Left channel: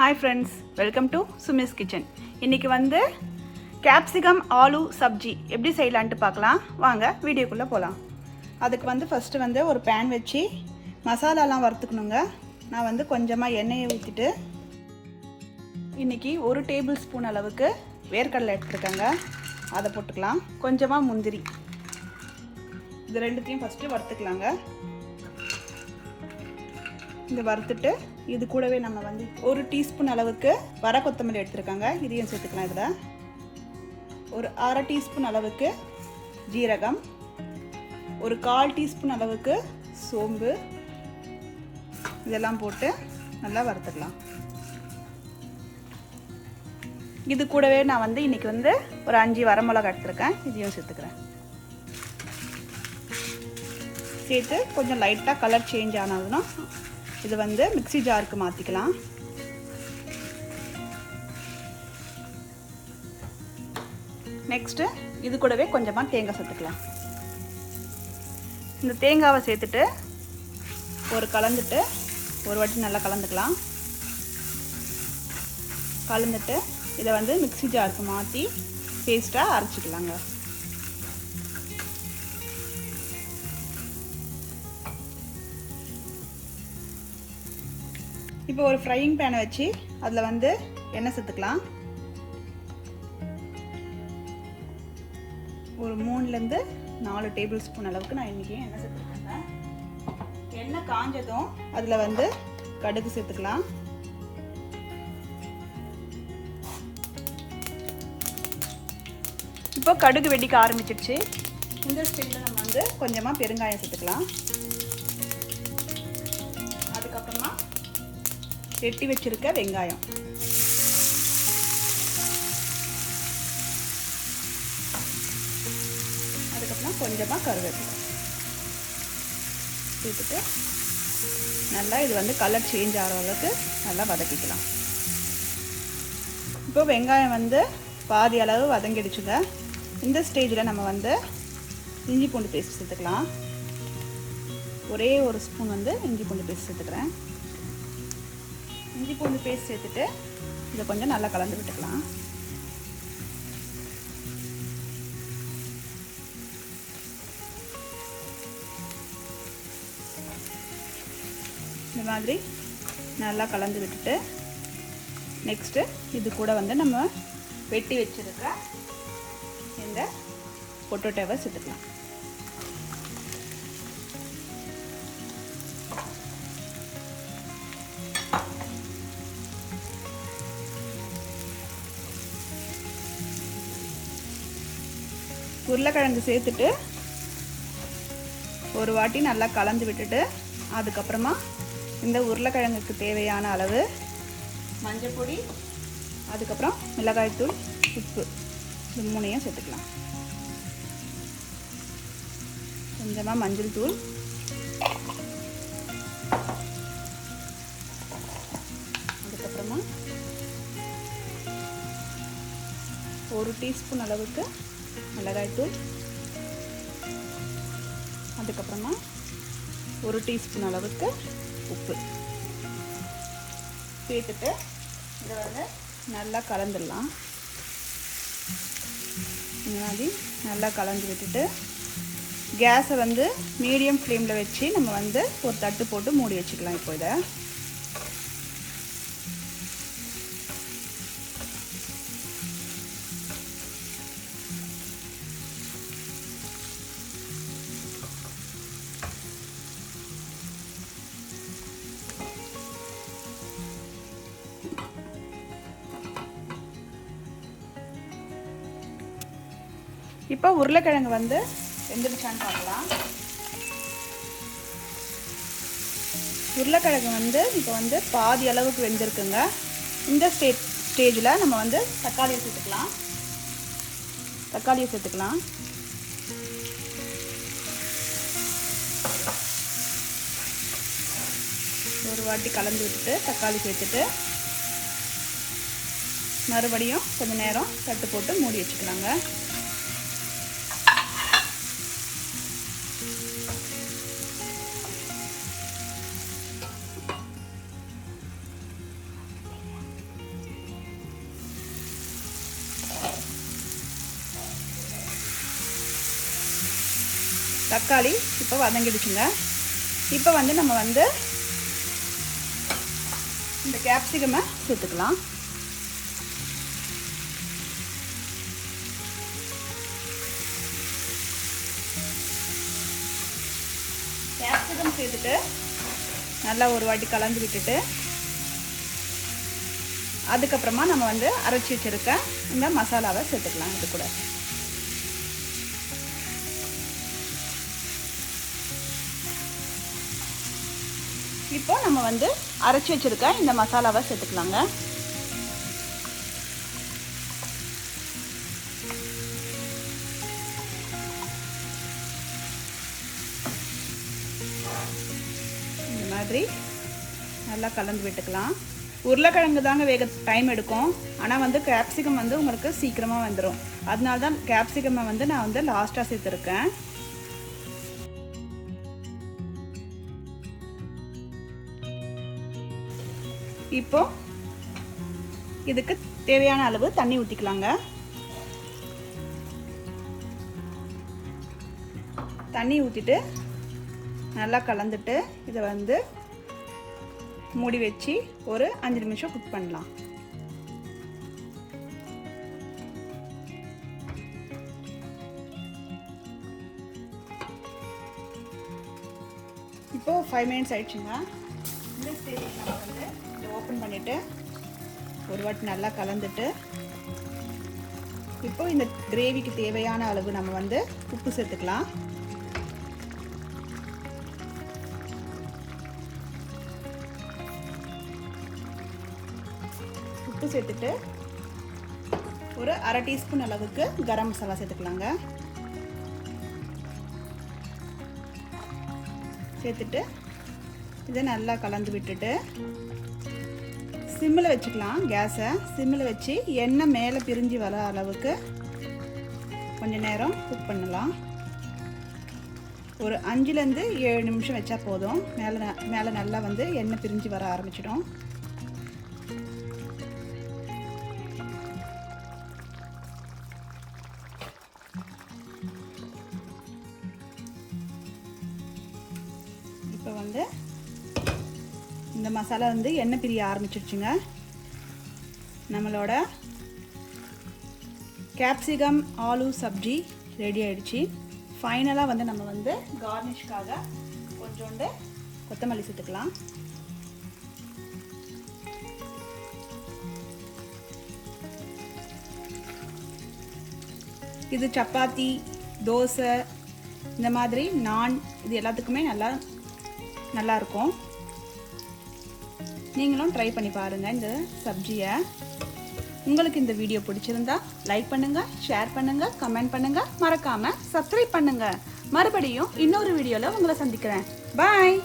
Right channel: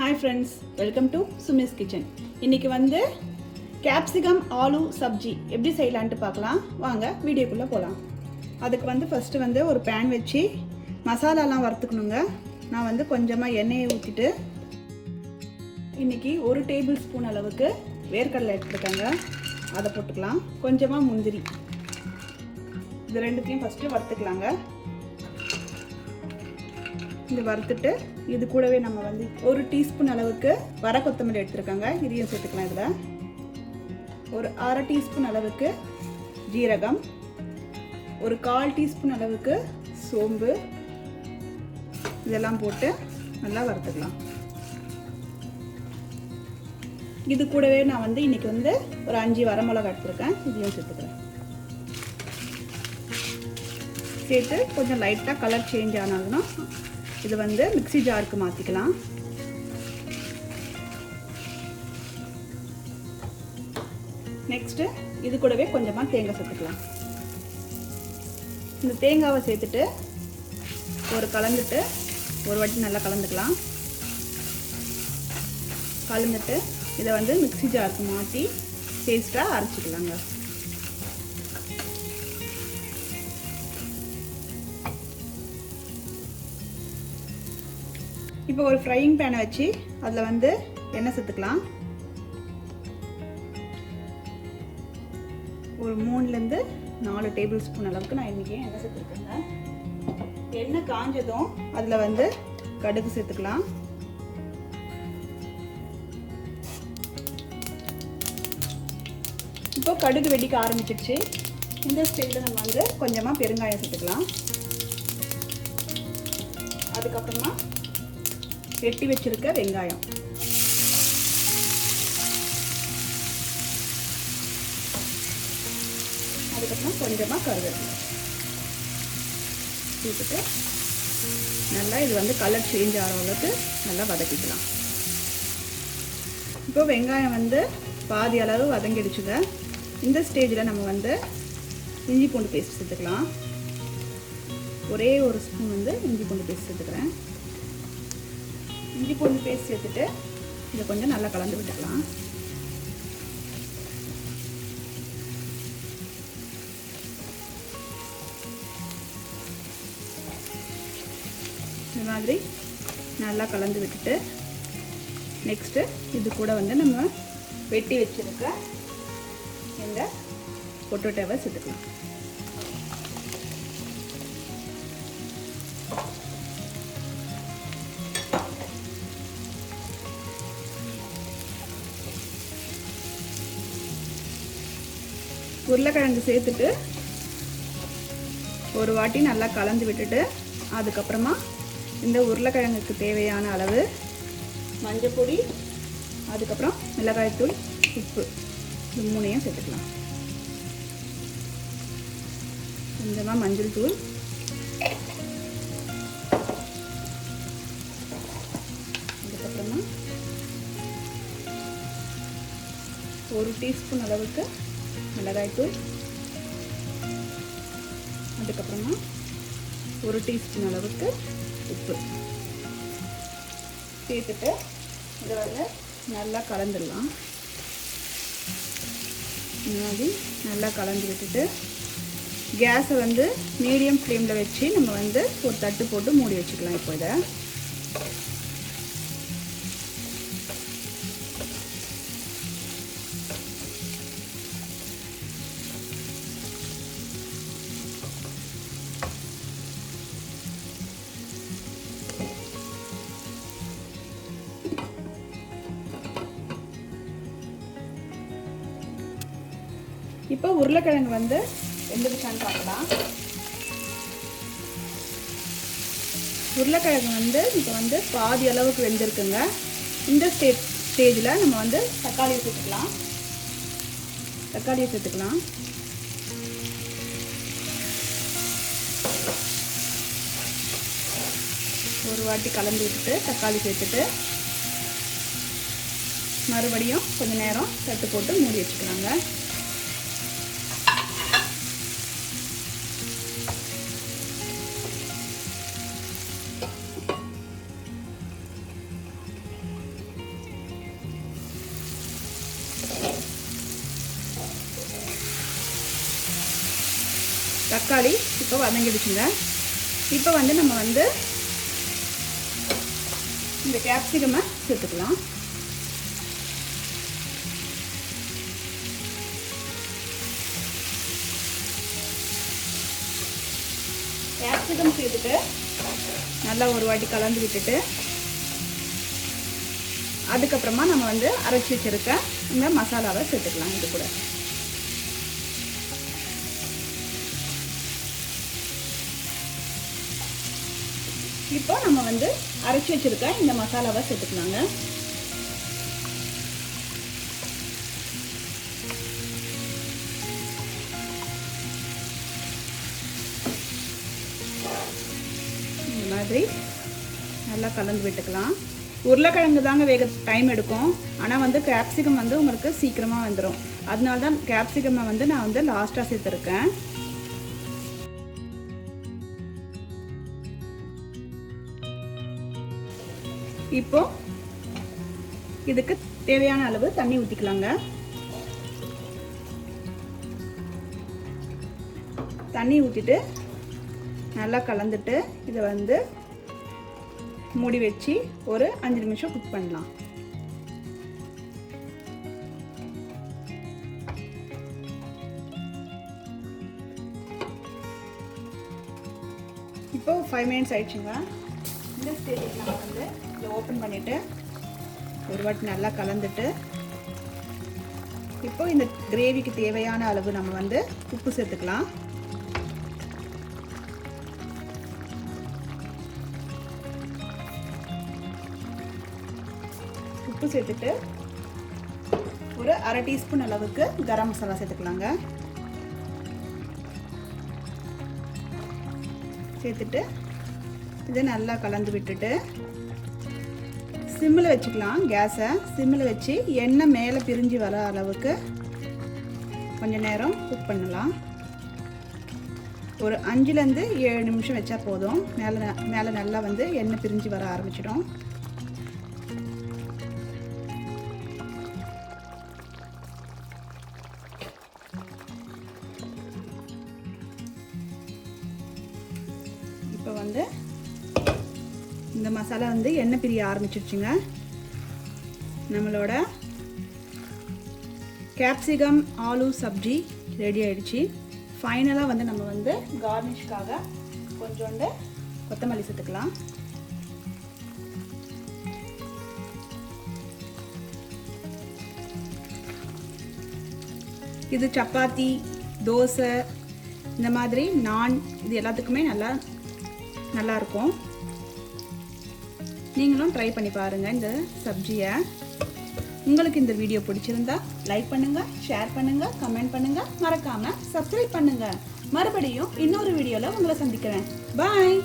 Hi friends, welcome to Sumi's Kitchen. இன்னைக்கு வந்து Capsicum Aloo Subzi எப்படி செய்யலாம்னு பார்க்கலாம். வாங்க வீடியோக்குள்ள போலாம். அதுக்கு வந்து ஃபர்ஸ்ட் வந்து ஒரு pan வச்சு மசாலாலாம் வறுத்துக்கணுங்க. நான் வந்து கொஞ்சமா எண்ணெயை ஊத்திட்டு இன்னைக்கு 1 டேபிள்ஸ்பூன் அளவுக்கு வேர்க்கடலை எடுத்துக்கங்க. அதை போட்டுக்கலாம். கொஞ்சமா முந்திரி. இது ரெண்டுத்தையும் ஃபர்ஸ்ட் வறுத்துக்கலாங்க. இந்த வறுத்துட்டு இது கூடவே நம்ம வந்து 1 டீஸ்பூன் அளவுக்கு வர கொத்தமல்லி எடுத்துருக்காங்க. இதையும் சேர்த்துக்கலாம். இதில் ஒரு 1/2 டீஸ்பூன் அளவுக்கு ஜீரகம், ஒரு 1/4 டீஸ்பூன் அளவுக்கு சோம்பு, இதெல்லாம் போட்டு நல்லா வறுத்துக்கலாம். இது கூடவே நான் வந்து இன்னைக்கு வந்து ஒரு 5 வரமிளகாய் எடுத்துருக்கேன். இதையும் சேர்த்துக்கிறேன். சேர்த்து கொஞ்சம் லைட்டாக கலர் சேஞ்ச் ஆனாதுன்னா இது வந்து மிக்ஸி ஜாருக்கு மாற்றிக்கலாம். நெக்ஸ்ட்டு இது கூடவே கொஞ்சமாக தேங்காய் சேர்த்துக்கலாம். இந்த தேங்காவை சேர்த்துட்டு கலந்துட்டு ஒரு வாட்டி நல்லா கலந்துக்கலாம். கலந்துட்டு இதை வந்து மிக்ஸி ஜாருக்கு மாற்றி பேஸ்ட்டாக அரைச்சிக்கலாங்க. இப்போ ஒரு ஃப்ரையிங் பேனை வச்சு அதில் வந்து எண்ணெய் சேர்த்துக்கலாம். ஒரு 3லேருந்து 4 டேபிள் ஸ்பூன் அளவுக்கு நான் இன்றைக்கி எண்ணெய் சேர்த்துருக்கேங்க. எண்ணெய் காஞ்சதும் அதில் வந்து கடுகு சேர்த்துக்கலாம். இப்போ கடுகு வெடிக்க ஆரம்பிச்சிடுச்சு. இந்த ஸ்டேஜில் நம்ம வந்து கொஞ்சமாக பெருங்காயம் சேர்த்துக்கலாம். அதுக்கப்புறமா வெட்டி வச்சிருக்க வெங்காயம், அதுக்கப்புறம் கொஞ்சமாக கருவேப்பிலை சேர்த்துட்டு நல்லா இது வந்து கலர் சேஞ்ச் ஆகிற அளவுக்கு நல்லா வதக்கிக்கலாம். இப்போ வெங்காயம் வந்து பாதி அளவு வதங்கிடுச்சுங்க. இந்த ஸ்டேஜில் நம்ம வந்து இஞ்சி பூண்டு பேஸ்ட் சேர்த்துக்கலாம். ஒரே ஒரு ஸ்பூன் வந்து இஞ்சி பூண்டு பேஸ்ட் சேர்த்துக்கிறேன். இஞ்சி பூண்டு பேஸ்ட் சேர்த்துட்டு இதை கொஞ்சம் நல்லா கலந்து விட்டுக்கலாம். இந்த மாதிரி நல்லா கலந்து விட்டுட்டு நெக்ஸ்ட்டு இது கூட வந்து நம்ம வெட்டி வச்சிருக்க இந்த பொட்டேட்டோவை சேர்த்துக்கலாம். உருளைக்கிழங்கு சேர்த்துட்டு ஒரு வாட்டி நல்லா கலந்து விட்டுட்டு அதுக்கப்புறமா இந்த உருளைக்கிழங்குக்கு தேவையான அளவு மஞ்சள் பொடி, அதுக்கப்புறம் மிளகாய்த்தூள், உப்பு, இது 3ஐயும் சேர்த்துக்கலாம். கொஞ்சமாக மஞ்சள் தூள், அதுக்கப்புறமா 1 டீஸ்பூன் அளவுக்கு மிளகாய்த்தூள், அதுக்கப்புறமா 1 டீஸ்பூன் அளவுக்கு உப்பு சேர்த்துட்டு இதை வந்து நல்லா கலந்துடலாம். இந்த மாதிரி நல்லா கலந்து விட்டுட்டு கேஸை வந்து மீடியம் ஃப்ளேமில் வச்சு நம்ம வந்து ஒரு தட்டு போட்டு மூடி வச்சுக்கலாம். இப்போ இதை இப்போ உருளைக்கிழங்கு வந்து வெந்துடுச்சான்னு பார்க்கலாம். உருளைக்கிழங்கு வந்து இப்போ வந்து பாதி அளவுக்கு வெந்திருக்குங்க. இந்த ஸ்டேஜில் நம்ம வந்து தக்காளியை சேர்த்துக்கலாம். ஒரு வாட்டி கலந்து விட்டுட்டு தக்காளி சேர்த்துட்டு மறுபடியும் கொஞ்சம் நேரம் தட்டு போட்டு மூடி வச்சுக்கலாங்க. தக்காளி இப்போ வதங்கிடுச்சுங்க. இப்போ வந்து நம்ம வந்து இந்த கேப்சிகமை சேர்த்துக்கலாம். கேப்சிகம் சேர்த்துட்டு நல்லா ஒரு வாட்டி கலந்து விட்டுட்டு அதுக்கப்புறமா நம்ம வந்து அரைச்சி வச்சிருக்க இந்த மசாலாவை சேர்த்துக்கலாம். இது கூட இப்போ நம்ம வந்து அரைச்சி வச்சிருக்க இந்த மசாலாவை சேர்த்துக்கலாங்க. இந்த மாதிரி நல்லா கலந்து விட்டுக்கலாம். உருளைக்கிழங்கு தாங்க வேக டைம் எடுக்கும். ஆனால் வந்து கேப்சிகம் வந்து உங்களுக்கு சீக்கிரமாக வந்துடும். அதனால தான் கேப்சிகமை வந்து நான் வந்து லாஸ்ட்டாக சேர்த்துருக்கேன். இப்போ இதுக்கு தேவையான அளவு தண்ணி ஊற்றிக்கலாங்க. தண்ணி ஊற்றிட்டு நல்லா கலந்துட்டு இதை வந்து மூடி வச்சு ஒரு 5 நிமிஷம் குக் பண்ணலாம். இப்போ 5 மினிட்ஸ் ஆயிடுச்சுங்க. இந்த ஸ்டேஜில் நம்ம வந்து இதை ஓப்பன் பண்ணிவிட்டு ஒரு வாட்டி நல்லா கலந்துட்டு இப்போ இந்த கிரேவிக்கு தேவையான அளவு நம்ம வந்து உப்பு சேர்த்துக்கலாம். உப்பு சேர்த்துட்டு ஒரு 1/2 டீஸ்பூன் அளவுக்கு கரம் மசாலா சேர்த்துக்கலாங்க. சேர்த்துட்டு இதை நல்லா கலந்து விட்டுட்டு சிம்மில் வச்சுக்கலாம். கேஸை சிம்மில் வச்சு எண்ணெய் மேலே பிரிஞ்சு வர அளவுக்கு கொஞ்சம் நேரம் குக் பண்ணலாம். ஒரு 5லேருந்து 7 நிமிஷம் வச்சா போதும். மேலே நல்லா வந்து எண்ணெய் பிரிஞ்சு வர ஆரம்பிச்சிடும். இப்போ வந்து இந்த மசாலா வந்து எண்ணெய் பிரிய ஆரம்பிச்சிருச்சுங்க. நம்மளோட கேப்சிகம் ஆலு சப்ஜி ரெடி ஆயிடுச்சு. ஃபைனலாக வந்து நம்ம வந்து கார்னிஷ்காக கொஞ்சோண்டு கொத்தமல்லி சேர்த்துக்கலாம். இது சப்பாத்தி, தோசை, இந்த மாதிரி நான் இது எல்லாத்துக்குமே நல்லா இருக்கும். நீங்களும் ட்ரை பண்ணி பாருங்கள் இந்த சப்ஜியை. உங்களுக்கு இந்த வீடியோ பிடிச்சிருந்தா லைக் பண்ணுங்கள், ஷேர் பண்ணுங்கள், கமெண்ட் பண்ணுங்கள், மறக்காமல் சப்ஸ்கிரைப் பண்ணுங்கள். மறுபடியும் இன்னொரு வீடியோவில் உங்களை சந்திக்கிறேன். பாய்.